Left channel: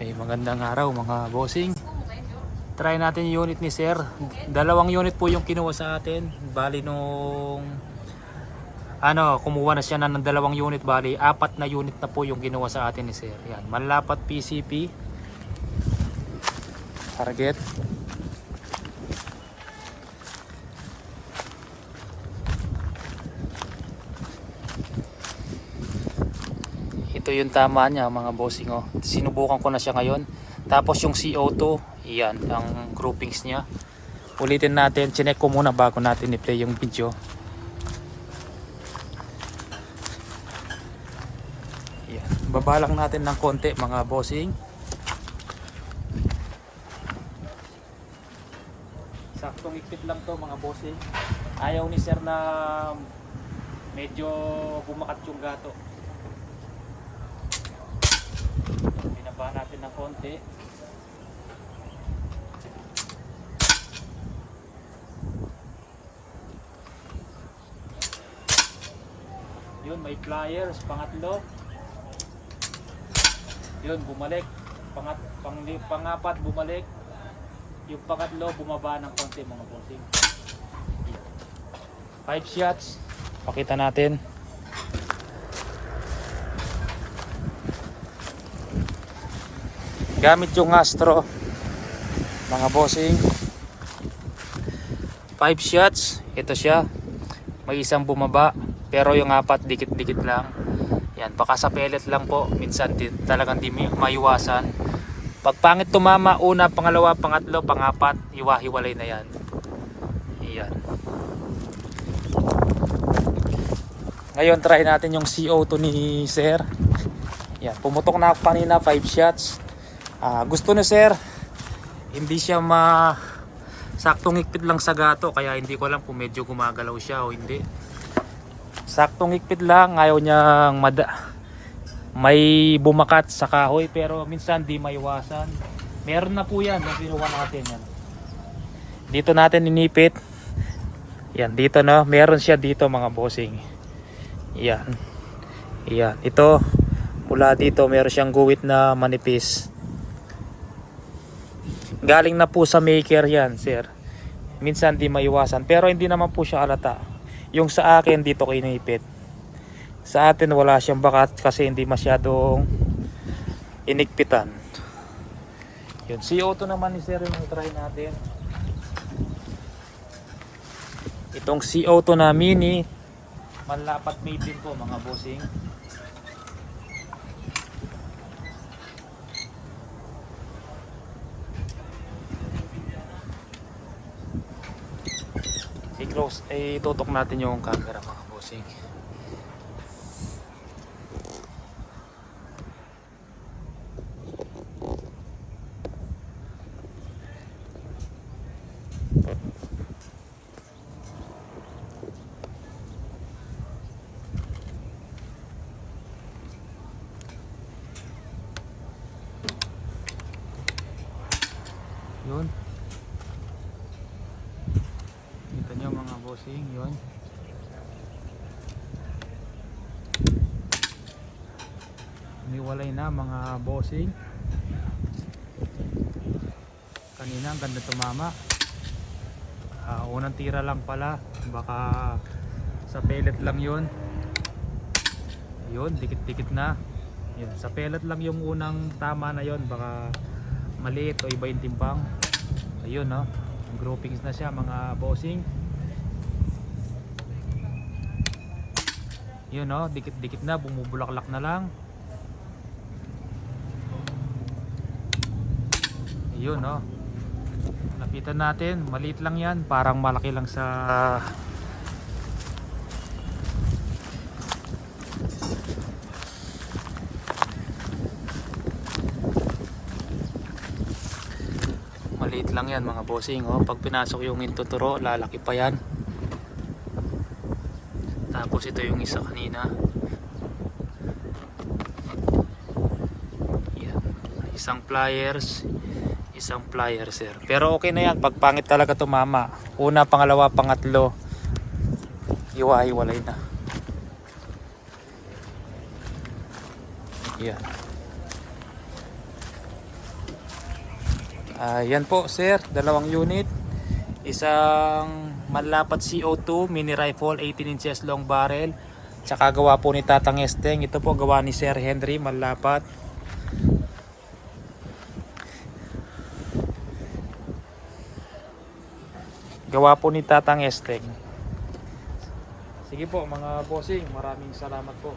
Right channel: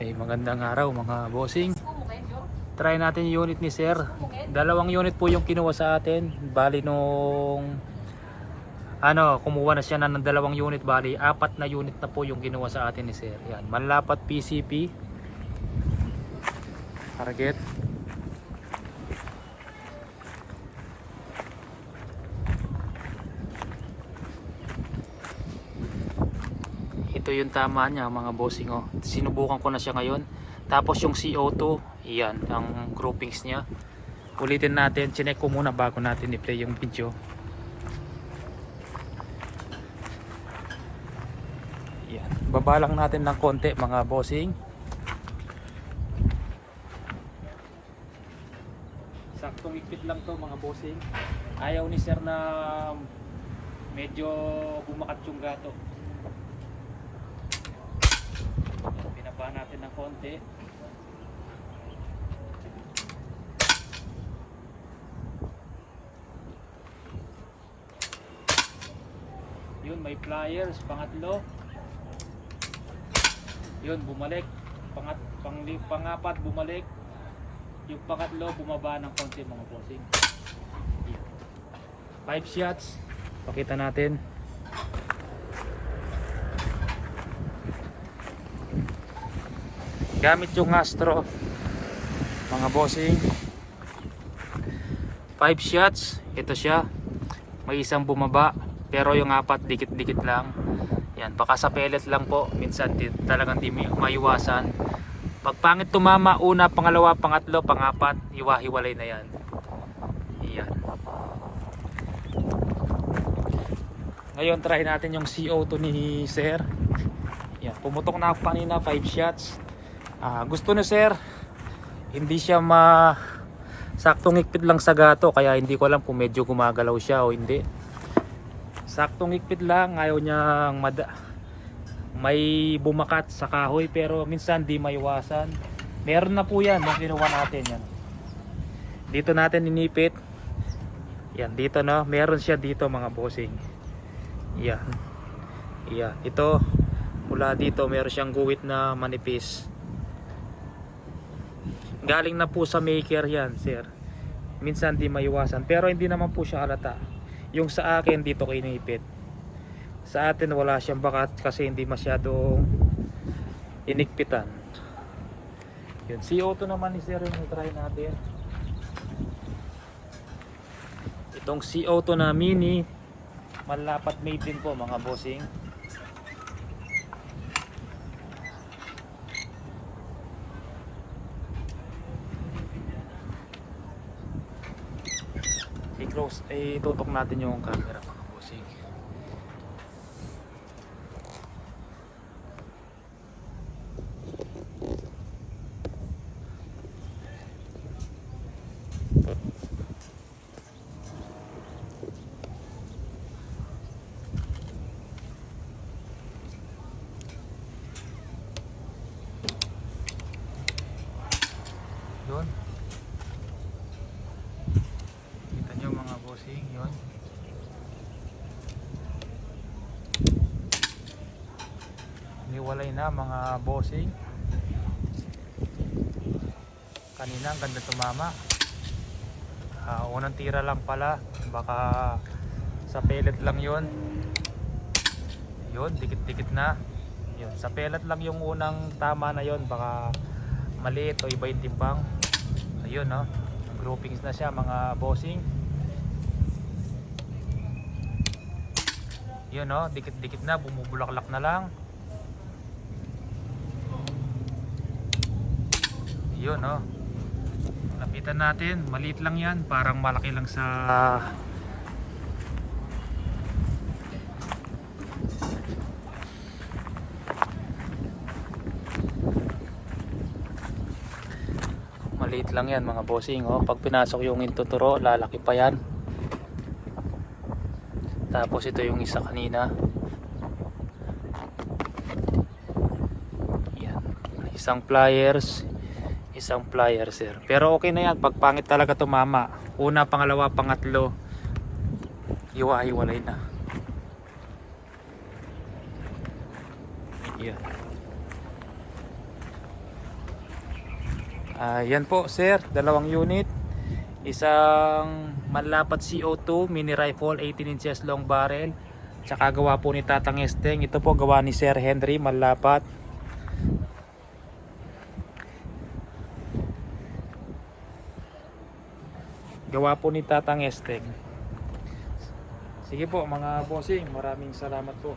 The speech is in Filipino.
Ay magandang araw mga bossing. Try natin yung unit ni Sir. Dalawang unit po yung kinuha sa atin. Bali nung ano, kumuha na siya na ng dalawang unit bali, apat na unit na po yung kinuha sa atin ni Sir. Yan, manlapat PCP. Target. Ito yung tama niya mga bossing oh. Sinubukan ko na siya ngayon. Tapos yung CO2, iyan, ang groupings niya. Ulitin natin, chinek ko muna bago natin i-play yung video. Yan. Baba lang natin ng konti mga bossing. Saktong ikit lang to mga bossing. Ayaw ni sir na medyo bumakat yung gato. Binaba natin ng konti. Yun, may pliers, pangatlo. Yun, bumalik. Pangat, pang, pangapat, bumalik. Yung pangatlo, bumaba ng konti mga bossing. Five shots. Pakita natin. Gamit yung Astro. Mga bossing. Five shots. Ito siya. May isang bumaba. Pero yung apat, dikit-dikit lang. Yan, baka sa pellet lang po. Minsan di, talagang di maiwasan. Pag pangit tumama, una, pangalawa, pangatlo, pangapat, iwahiwalay na yan. Yan. Ngayon, try natin yung CO2 ni Sir. Yan, pumutok na ako kanina, 5 shots. Ah, gusto ni Sir, hindi siya ma saktong higpit lang sa gato, kaya hindi ko alam kung medyo gumagalaw siya o hindi. Saktong higpit lang, ayaw niyang mada may bumakat sa kahoy pero minsan di maiwasan. Meron na po yan nung natin yan. Dito natin inipit. Yan, dito no. Meron siya dito mga bossing. Yan. Yan. Ito, mula dito meron siyang guwit na manipis. Galing na po sa maker yan, sir. Minsan di maiwasan. Pero hindi naman po siya halata. Yung sa akin dito kinipit. Sa atin wala siyang bakat kasi hindi masyadong inigpitan. Yun, CO2 naman ni sir yung try natin. Itong CO2 na mini, malapat made din po mga bossing. I-close, ay tutok natin yung camera mga bossing. Yun. Kita nyo mga bossing, yun. Niwalay na mga bossing. Kanina ang ganda tumama. Ah, unang tira lang pala. Baka sa pellet lang yun. Yun, dikit-dikit na. Yun, sa pellet lang yung unang tama na yun. Baka maliit o iba yung timbang. Ayun no. Groupings na siya mga bossing. Yun no, dikit-dikit na, bumubulaklak na lang. Yun no. Lapitan natin, maliit lang yan, parang malaki lang sa Maliit lang yan mga bossing. Oh. Pag pinasok yung intuturo, lalaki pa yan. Tapos ito yung isa kanina. Yan. Isang pliers isang flyer sir. Pero okay na yan pag pangit talaga tumama una pangalawa pangatlo. Iwa-iwalay na ah. yan. Uh, yan po sir. Dalawang unit. Isang manlapat CO2 mini rifle 18 inches long barrel. Tsaka gawa po ni Tatang Esteng. Ito po gawa ni Sir Henry manlapat gawa po ni Tatang Estem. Sige po mga bossing, maraming salamat po.